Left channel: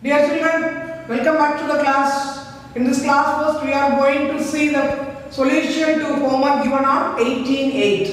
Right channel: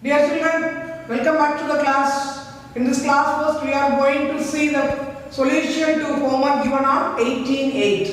Dear children, welcome back to the class. In this class first we are going to see the solution to homework given on 18.8.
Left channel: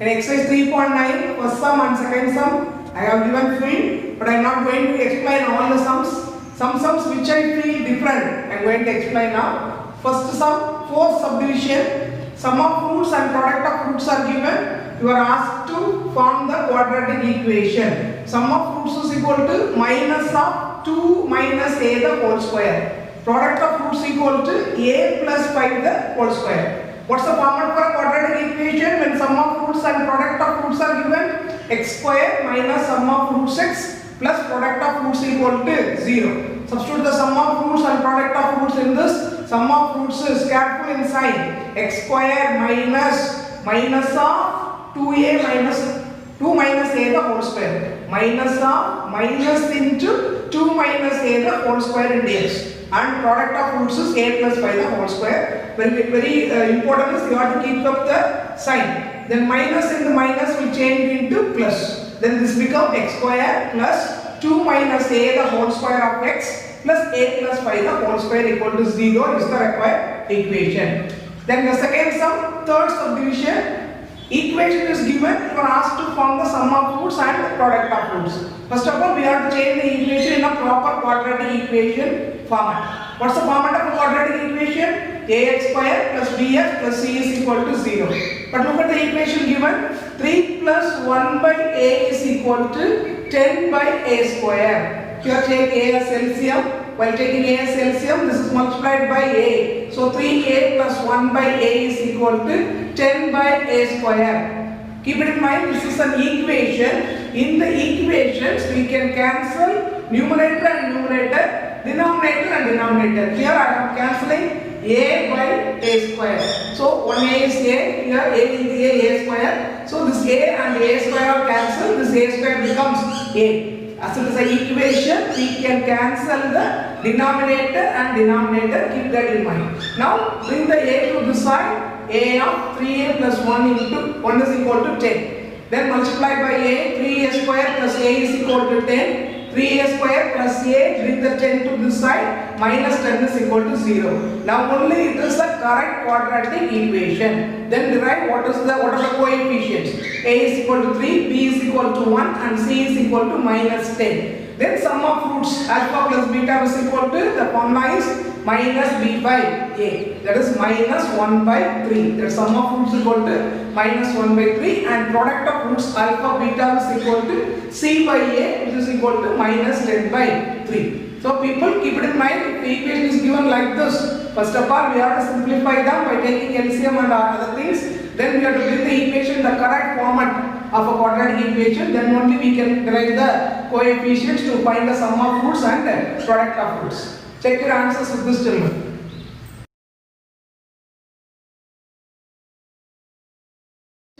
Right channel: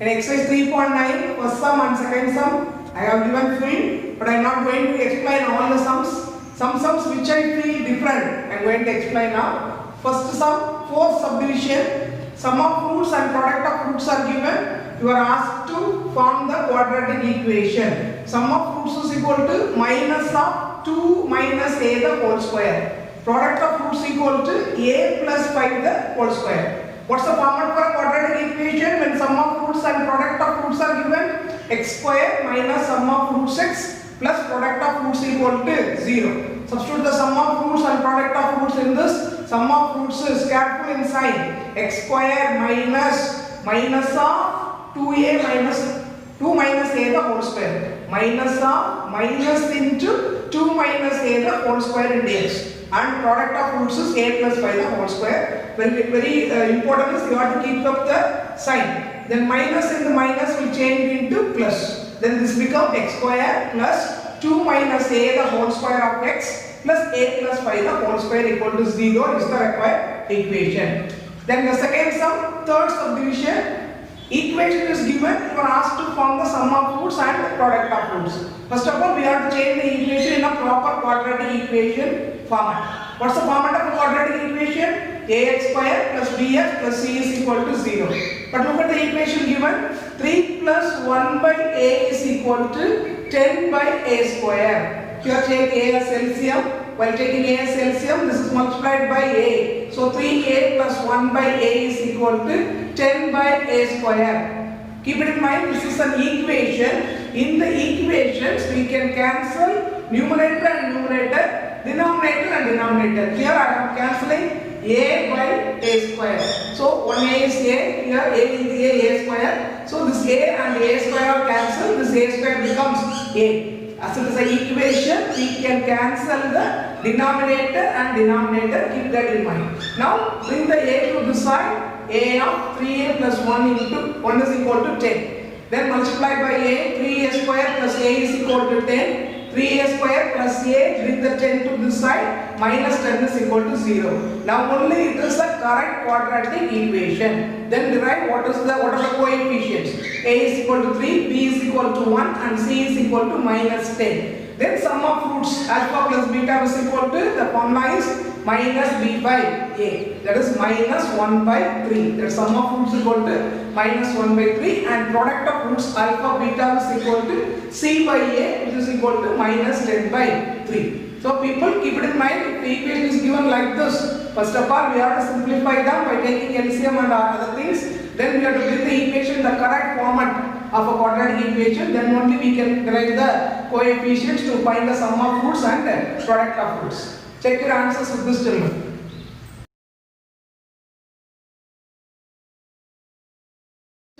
In exercise 3.9, first sum and second sum I have given full, but I am not going to explain all the sums. Some sums which I feel different I am going to explain now. First sum, fourth subdivision, sum of fruits and product of fruits are given. You are asked to form the quadratic equation. Sum of fruits is equal to minus of 2 minus a the whole square. Product of fruits equal to a plus 5 the whole square. What's the format for a quadratic equation? When sum of fruits and product of fruits are given, x square minus sum of fruits x plus product of fruits equal to 0. Substitute the sum of fruits and product of fruits in this. Sum of fruits is careful in sign. X square minus of 2a minus 2 minus a the whole square. Minus of minus into 2 minus a the whole square in dx. And product of fruits is a plus 5 the whole square. Very important is you have to keep up the sign. Then minus in the minus will change into plus. Then this becomes x square plus 2 minus a the whole square of x plus a plus 5 the whole square equal to 0 is the required equation. Then the second sum, third subdivision. Equation is given, you are asked to form the sum of fruits and product of fruits. First of all, we have to change the equation in a proper quadratic equation format. What's the format of a quadratic equation? ax square plus bx plus c is equal to 0. But look at the equation given. 3 plus 1 by a is equal to 10 by a square. Here take a as LCM. While taking a as LCM, this is multiplied by a. So 3a plus 1 by a is equal to 10 by a square. Keep it in mind, this is an equation. In the equations, we can cancel numerator and numerator, denominator and denominator. Here I am cancelling a by a square. So 1a is a, here a is a square. So this a and a square are cancelled, this a square becomes a. As it is an equation, we can cancel the denominator and denominator, keep that in mind. Now bring the a to this side. A of 3a plus 1 into 1 is equal to 10. Then multiply by a, 3a square plus a is equal to 10. 3a square plus a, bring the 10 to this side, minus 10 is equal to 0. Now only it is the correct quadratic equation. Then derive what are the coefficients. A is equal to 3, b is equal to 1 and c is equal to minus 10. Then sum of fruits alpha plus beta is equal to, the formula is minus b by a. That is minus 1 by 3. The sum of fruits is equal to minus 1 by 3 and product of fruits alpha beta is equal to c by a, which is equal to minus 10 by 3. So people keep it in mind, if the equation is given like this, first of all we have to simplify them by taking LCM and other things. Then we have to bring the equation in the correct format of a quadratic equation. Then only we can derive the coefficients to find the sum of fruits and the product of fruits. Check your answers with this children.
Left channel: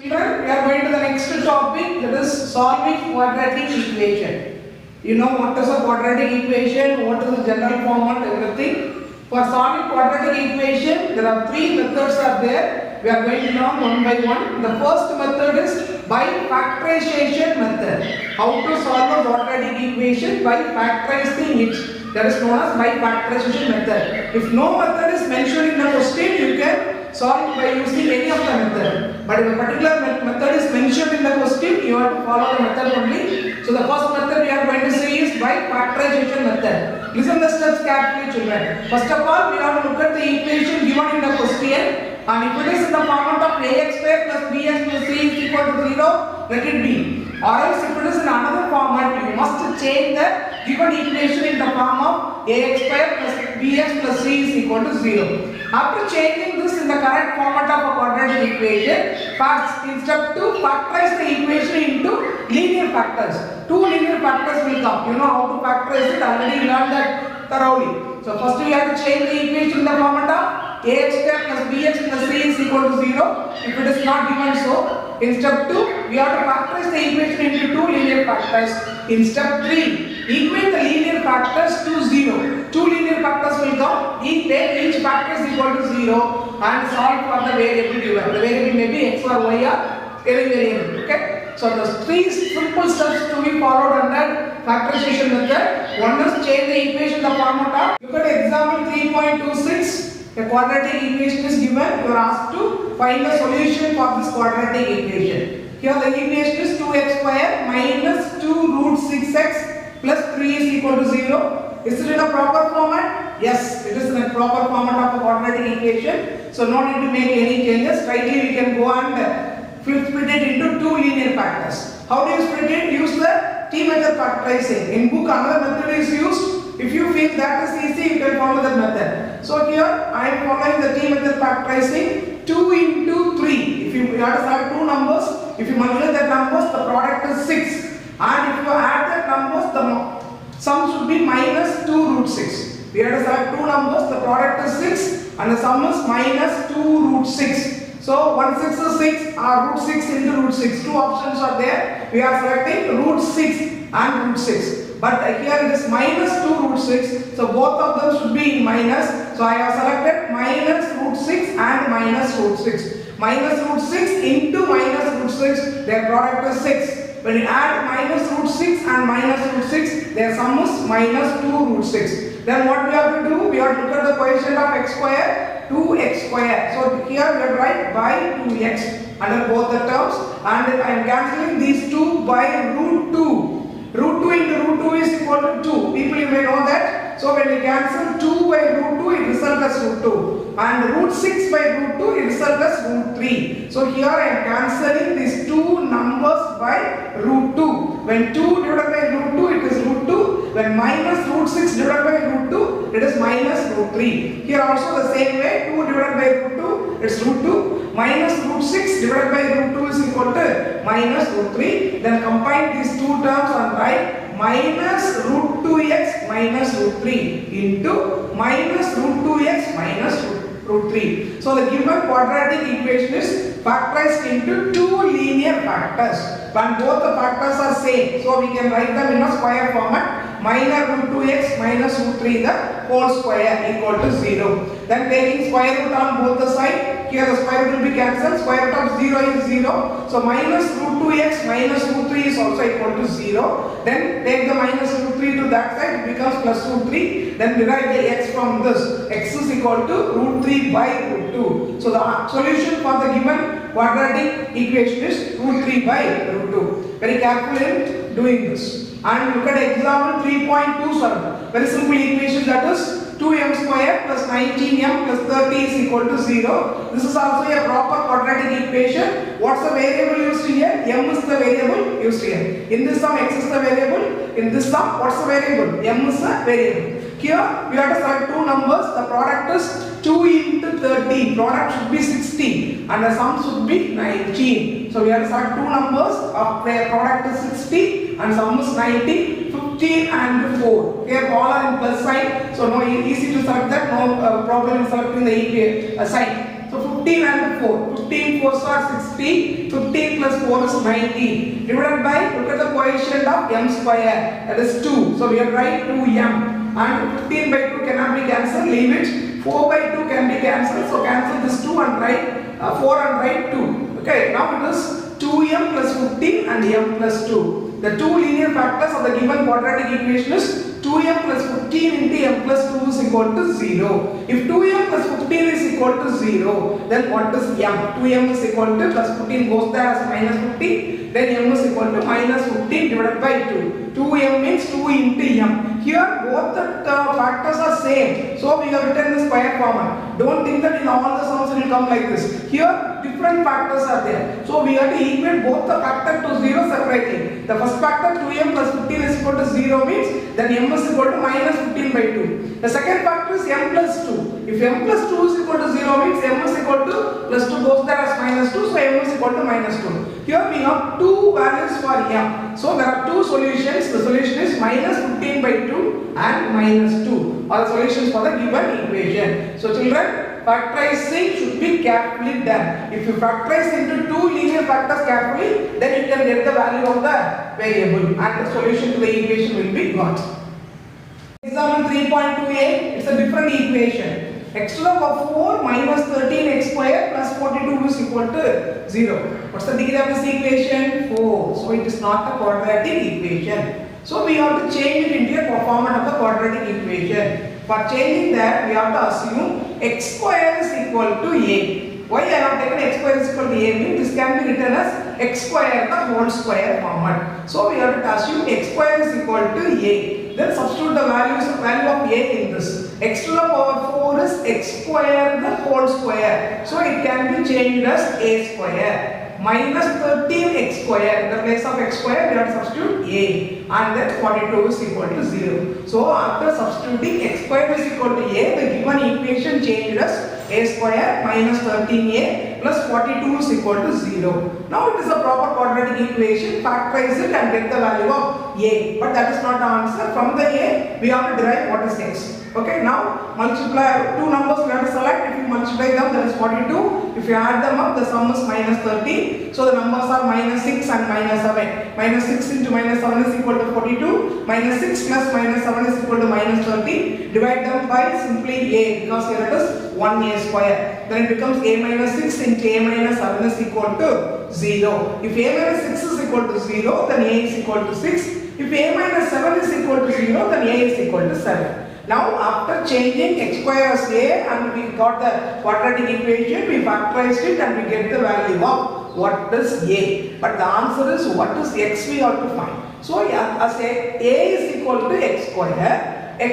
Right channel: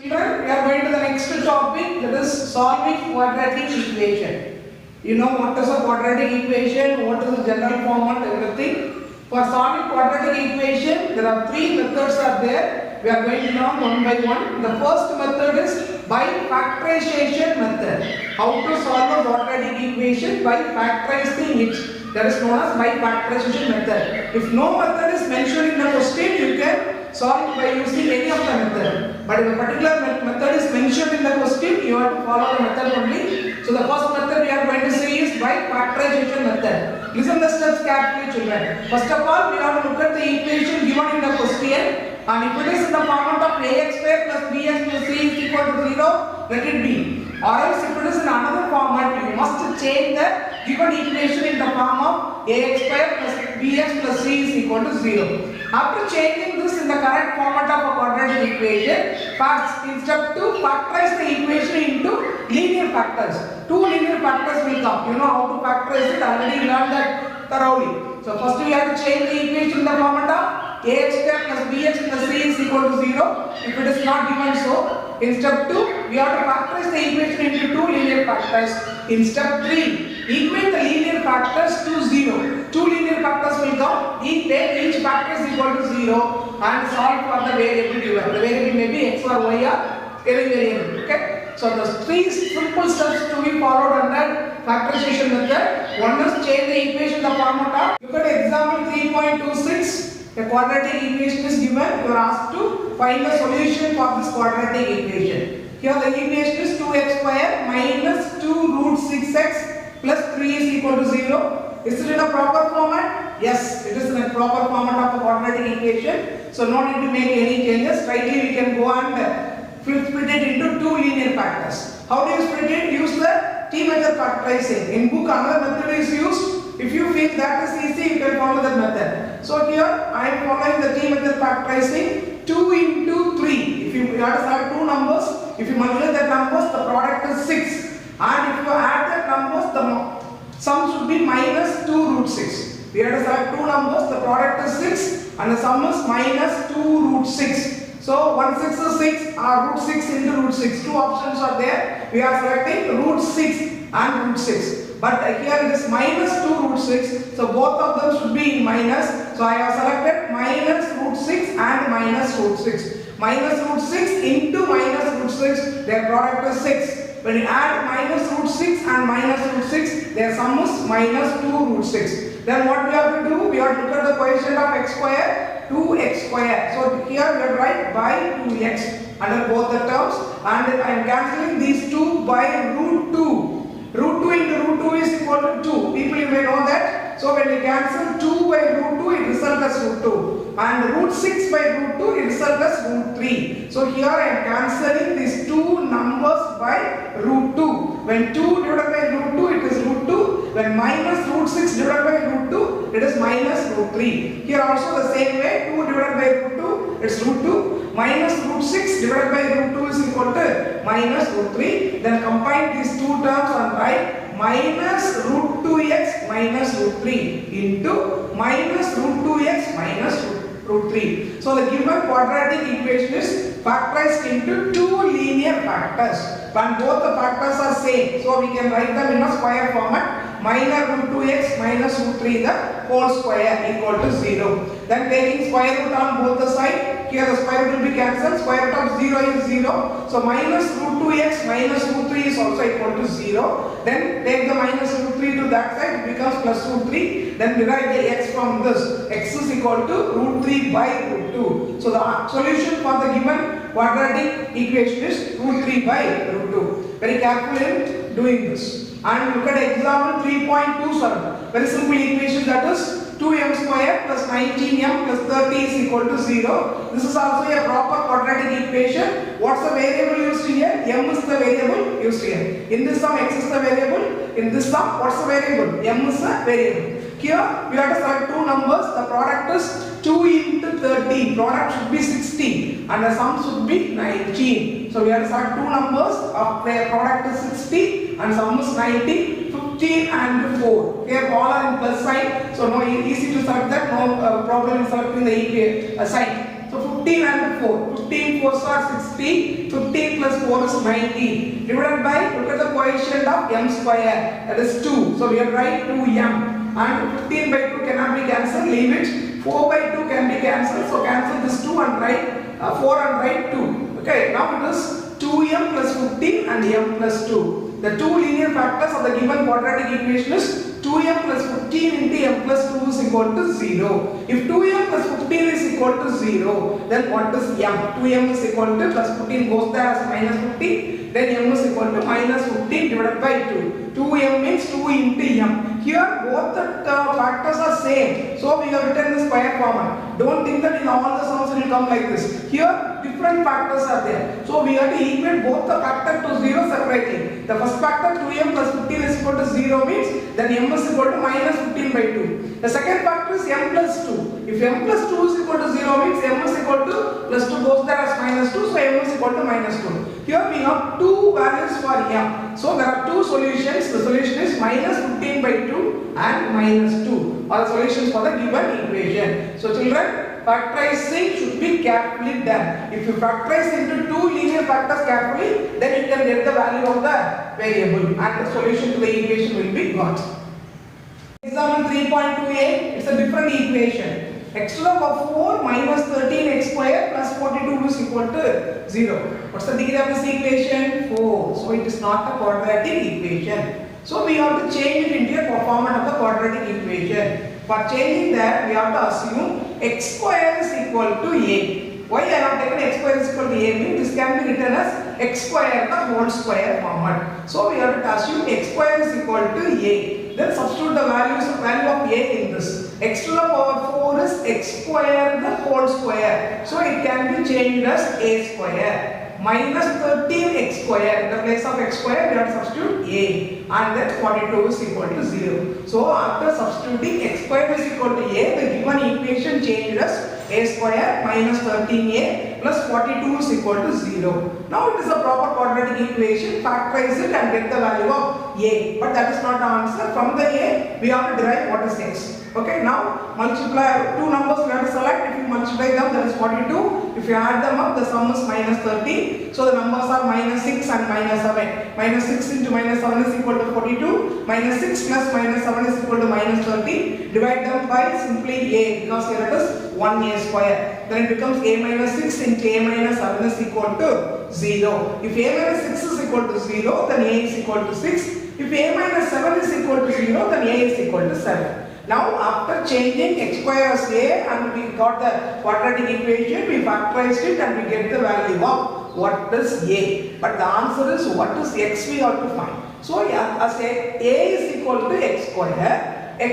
Children, we are going to the next topic, that is solving quadratic equation. You know what is a quadratic equation, what is the general format, everything. For solving quadratic equation, there are three methods are there. We are going to learn one by one. The first method is by factorization method. How to solve a quadratic equation by factorizing it. That is known as by factorization method. If no method is mentioned in the question, you can solve by using any of the method. But if a particular method is mentioned in the question, you have to follow the method only. So the first method we are going to see is by factorization method. Listen the steps carefully, children. First of all, we have to look at the equation given in the question. And if it is in the format of ax square plus bx plus c is equal to 0, let it be. Or else if it is in another format, you must change the given equation in the form of ax square plus bx plus c is equal to 0. After changing this in the correct format of a quadratic equation, first in step 2, factorize the equation into linear factors. Two linear factors will come. You know how to factorize it, already learned that thoroughly. So first we have to change the equation in the format of ax square plus bx plus c is equal to 0. If it is not given so, in step 2, we have to factorize the equation into two linear factors. In step 3, equate the linear factors to 0. Two linear factors will come, each factor is equal to 0 and solve for the variable given. The variable may be x or y or any variable. Okay? So the three simple steps to be followed under factorization method. One is change the equation the format of. Look at example 3.26. A quadratic equation is given. You are asked to find the solution for this quadratic equation. Here the equation is 2x square minus 2 root 6x plus 3 is equal to 0. Is it in a proper format? Yes, it is in a proper format of a quadratic equation. So no need to make any changes. Rightly we can go and split it into two linear factors. How do you split it? Use the T method factorizing. In book another method is used. If you feel that is easy, you can follow that method. So here I am following the T method factorizing. 2 into 3. If you have to start two numbers, if you multiply the numbers, the product is 6. And if you add the numbers, the sum should be minus 2 root 6. We have to start two numbers, the product is 6 and the sum is minus 2 root 6. So 1 6 is 6 or root 6 into root 6. Two options are there. We are selecting root 6 and root 6. But here it is minus 2 root 6. So both of them should be minus. So I have selected minus root 6 and minus root 6. Minus root 6 into minus root 6, their product is 6. When you add minus root 6 and minus root 6, their sum is minus 2 root 6. Then what we have to do? We have to look at the coefficient of x square, 2x square. So here we have to write by 2x under both the terms, and I am cancelling these 2 by root 2. Root 2 into root 2 is equal to 2. People, you may know that. So when you cancel 2 by root 2, it results as root 2. And root 6 by root 2, it results as root 3. So here I am cancelling these two numbers by root 2. When 2 divided by root 2, it is root 2. When minus root 6 divided by root 2, it is minus root 3. Here also the same way, 2 divided by root 2, it is root 2. Minus root 6 divided by root 2 is equal to minus root 3. Then combine these two terms and write minus root 2x minus root 3 into minus root 2x minus root 3. So the given quadratic equation is factorized into two linear factors. When both the factors are same, so we can write them in a square format. Minus root 2x minus root 3 the whole square equal to 0. Then taking square root on both the sides. Here the square root will be cancelled. Square root of 0 is 0. So minus root 2x minus root 3 is also equal to 0. Then take the minus root 3 to that side. It becomes plus root 3. Then derive the x from this. X is equal to root 3 by root 2. So the solution for the given quadratic equation is root 3 by root 2. Very careful in doing this. And look at example 3.27. Very simple equation, that is 2m square plus 19m plus 30 is equal to 0. This is also a proper quadratic equation. What's the variable used here? M is the variable used here. In this sum, x is the variable. In this sum, what's the variable? M is the variable. Here, we have to select two numbers. The product is 2 into 30. Product should be 60 and the sum should be 19. So we have to select two numbers. Their product is 60 and sum is 19. 15 and 4. Here all are in plus sign. So no, easy to select that. No problem in selecting the sign. So 15 and 4. 15 4s are 60. 15 plus 4 is 90. Divided by, look at the coefficient of m square. That is 2. So we have to write 2m. And 15 by 2 cannot be cancelled. Leave it. 4 by 2 can be cancelled. So cancel this 2 and write 4 and write 2. Okay. Now it is 2m plus 15 and m plus 2. The two linear factors of the given quadratic equation is 2m plus 15 into m plus 2 is equal to 0. If 2m plus 15 is equal to 0, then what is m? 2m is equal to plus 15 goes there as minus 15. Then m is equal to minus 15 divided by 2. 2m means 2 into m. Here both the factors are same. So we have written the square format. Don't think that in all the sums it will come like this. Here different factors are there. So we have to equate both the factor to 0 separately. The first factor 2m plus 15 is equal to 0 means then m is equal to minus 15 by 2. The second factor is m plus 2. If m plus 2 is equal to 0 means m is equal to plus 2 goes there as minus 2. So m is equal to minus 2. Here we have two values for m. So there are two solutions. The solution is minus 15 by 2 and minus 2. Are the solutions for the given equation. So children, factorizing should be carefully done. If you factorize into two linear factors carefully, then you can get the value of the variable and the solution to the equation will be got. Example 3.28 is a different equation. X to the power 4 minus 13x square plus 42 is equal to 0. What's the degree of this equation? 4. So it is not a quadratic equation. So we have to change it into a format of the quadratic equation. For changing that, we have to assume x square is equal to a. Why I have taken x square is equal to a means this can be written as x square the whole square format. So we have to assume x square is equal to a. Then substitute the value of a in this. X to the power 4 is x square the whole square. So it can be changed as a square. Minus 13x square. In the place of x square, we have to substitute a. And then 42 is equal to 0. So after substituting x square is equal to a, the given equation changed as a square minus 13a plus 42 is equal to 0. Now it is a proper quadratic equation. Factorize it and get the value of a. But that is not the answer. From the a, we have to derive what is x. Okay, now multiply two numbers we have to select. If you multiply them, that is 42. If you add them up, the sum is minus 13. So the numbers are minus 6 and minus 7. Minus 6 into minus 7 is equal to 42. Minus 6 plus minus 7 is equal to minus 13. Divide them by simply a, because here it is 1a square. Then it becomes a minus 6 into a minus 7 is equal to 0. If a minus 6 is equal to 0, then a is equal to 6. If a minus 7 is equal to 0, then a is equal to 7. Now after changing x square as a and we got the quadratic equation, we factorized it and we get the value of what is a. But the answer is what is x we have to find. So as a is equal to x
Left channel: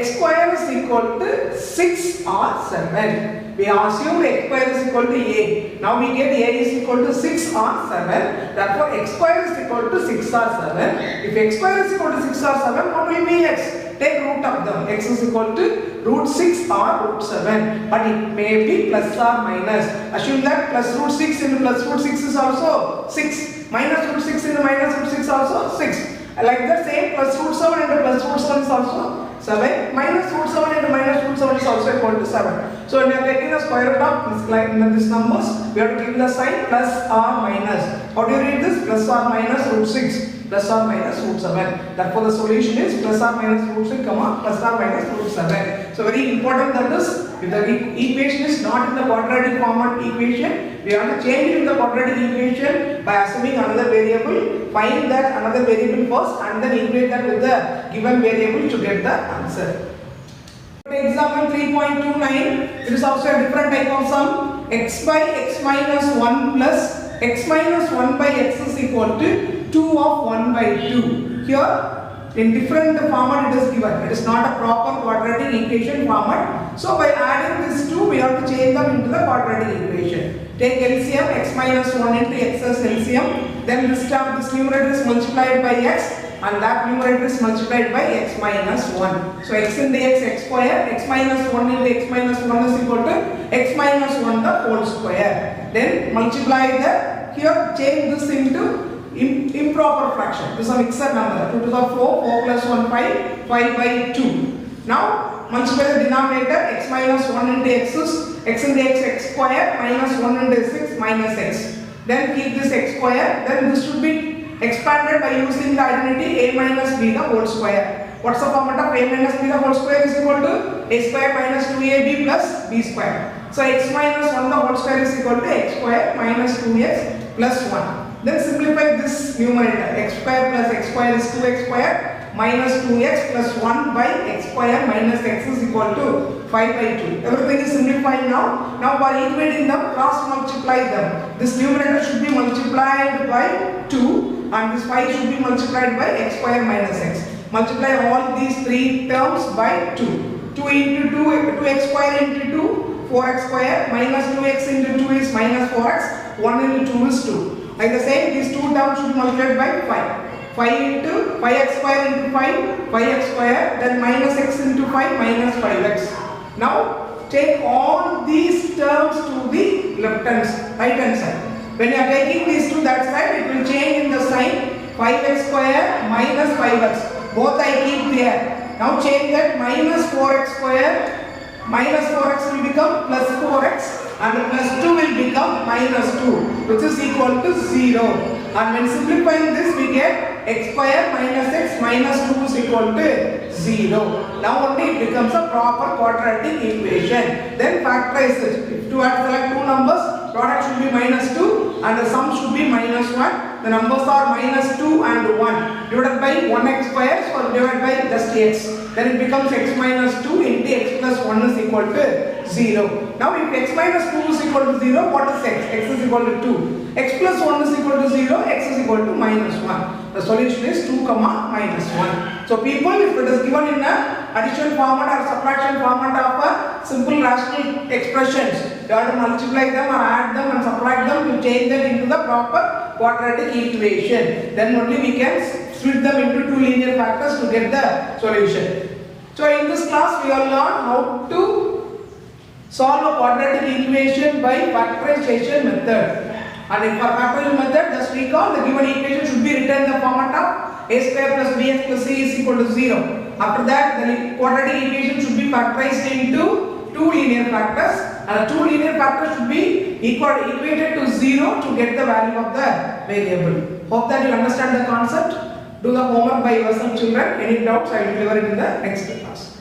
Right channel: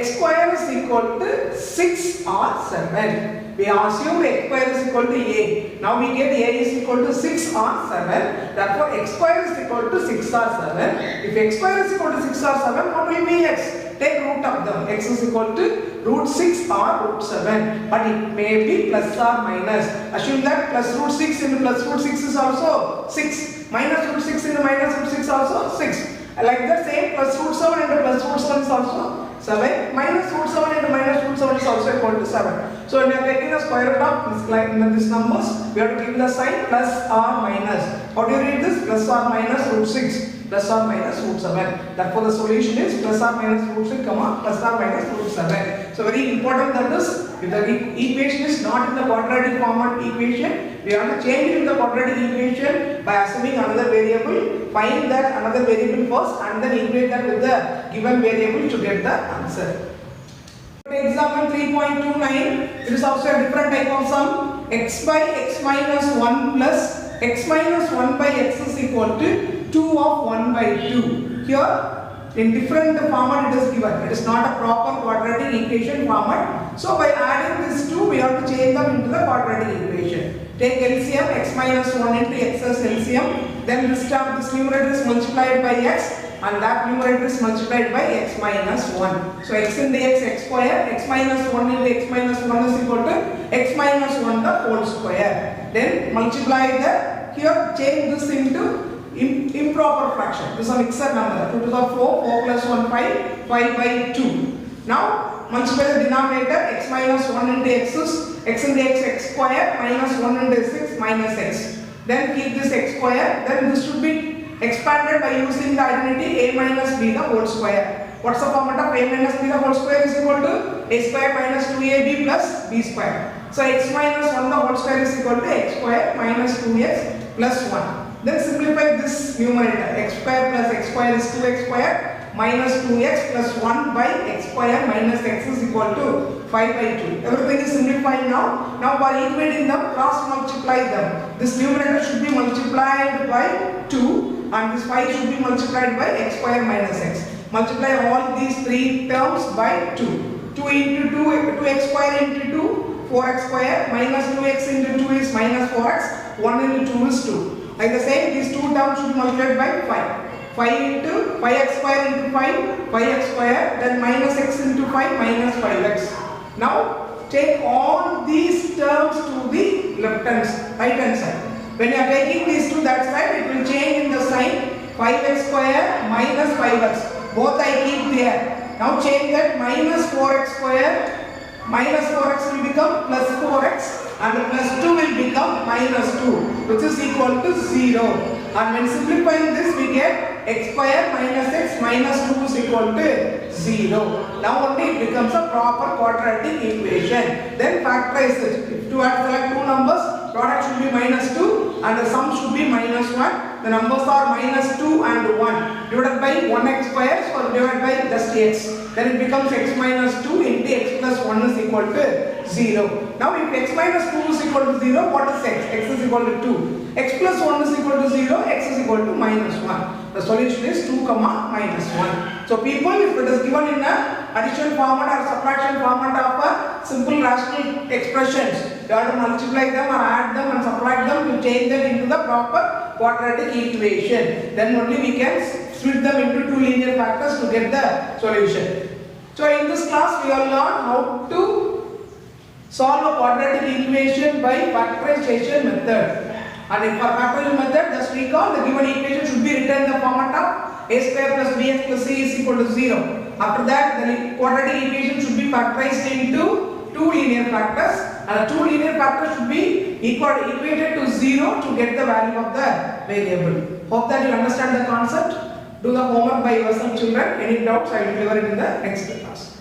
square is equal to 6 or 7. We assume x square is equal to a. Now we get a is equal to 6 or 7. Therefore x square is equal to 6 or 7. If x square is equal to 6 or 7, what will be x? Take root of them. X is equal to root 6 or root 7. But it may be plus or minus. Assume that plus root 6 into plus root 6 is also 6. Minus root 6 into minus root 6 also 6. Like that same plus root 7 into plus root 7 is also 7. Minus root 7 into minus root 7 is also equal to 7. So when you are taking the square root of these numbers, we have to give the sign plus or minus. How do you read this? Plus or minus root 6. Plus or minus root 7. Therefore the solution is plus or minus root 6, plus or minus root 7. So very important that is, if the equation is not in the quadratic format equation, we have to change it in the quadratic equation by assuming another variable, find that another variable first and then equate that with the given variable to get the answer. Example 3.29, it is also a different type of sum. X by x minus 1 plus x minus 1 by x is equal to 2 of 1 by 2. Here in different format it is given. It is not a proper quadratic equation format. So by adding these two, we have to change them into the quadratic equation. Take LCM, x minus 1 into x as LCM. Then this term, this numerator is multiplied by x and that numerator is multiplied by x minus 1. So x into x square, x minus 1 into x minus 1 is equal to x minus 1 the whole square. Then multiply the, here change this into improper fraction. This is a mixed number. 2 to the 4 plus 1, 5 by 2. Now multiply the denominator, x minus 1 into x is x into x square minus 1 into x minus x. Then keep this x square, then this should be expanded by using the identity a minus b the whole square. What's the format of a minus b the whole square is equal to a square minus 2ab plus b square. So x minus 1 the whole square is equal to x square minus 2x plus 1. Then simplify this numerator. X square plus x square is 2x square minus 2x plus 1 by x square minus x is equal to 5 by 2. Everything is simplified now. Now by equating them, cross multiply them. This numerator should be multiplied by 2 and this 5 should be multiplied by x square minus x. Multiply all these three terms by 2. 2 into 2, 2x square into 2, 4x square minus 2x into 2 is minus 4x, 1 into 2 is 2. Like the same, these two terms should be multiplied by 5. 5 into 5x square into 5, 5x square, then minus x into 5 minus 5x. Now take all these terms to the right hand side. When you are taking these to that side, it will change in the sign. 5x square minus 5x. Both I keep there. Now change that minus 4x square. Minus 4x will become plus 4x and plus 2 will become minus 2, which is equal to 0. And when simplifying this, we get x square minus x minus 2 is equal to 0. Now only it becomes a proper quadratic equation. Then factorize it. If you have to select two numbers, product should be minus 2 and the sum should be minus 1. The numbers are minus 2 and 1. Divided by 1x square, so divided by just x. Then it becomes x minus 2 into x plus 1 is equal to 0. Now if x minus 2 is equal to 0, what is x? X is equal to 2. X plus 1 is equal to 0, x is equal to minus 1. The solution is 2 comma minus 1. So people, if it is given in a addition format or subtraction format of a simple rational expressions, you have to multiply them or add them and subtract them to change them into the proper quadratic equation. Then only we can split them into two linear factors to get the solution. So in this class we will learn how to solve a quadratic equation by factorization method. And for factorial method, just recall the given equation should be written in the format of a square plus bx plus c is equal to 0. After that, the quadratic equation should be factorized into two linear factors, and the two linear factors should be equated to 0 to get the value of the variable. Hope that you understand the concept. Do the homework by yourself, children. Any doubts, I will deliver it in the next class.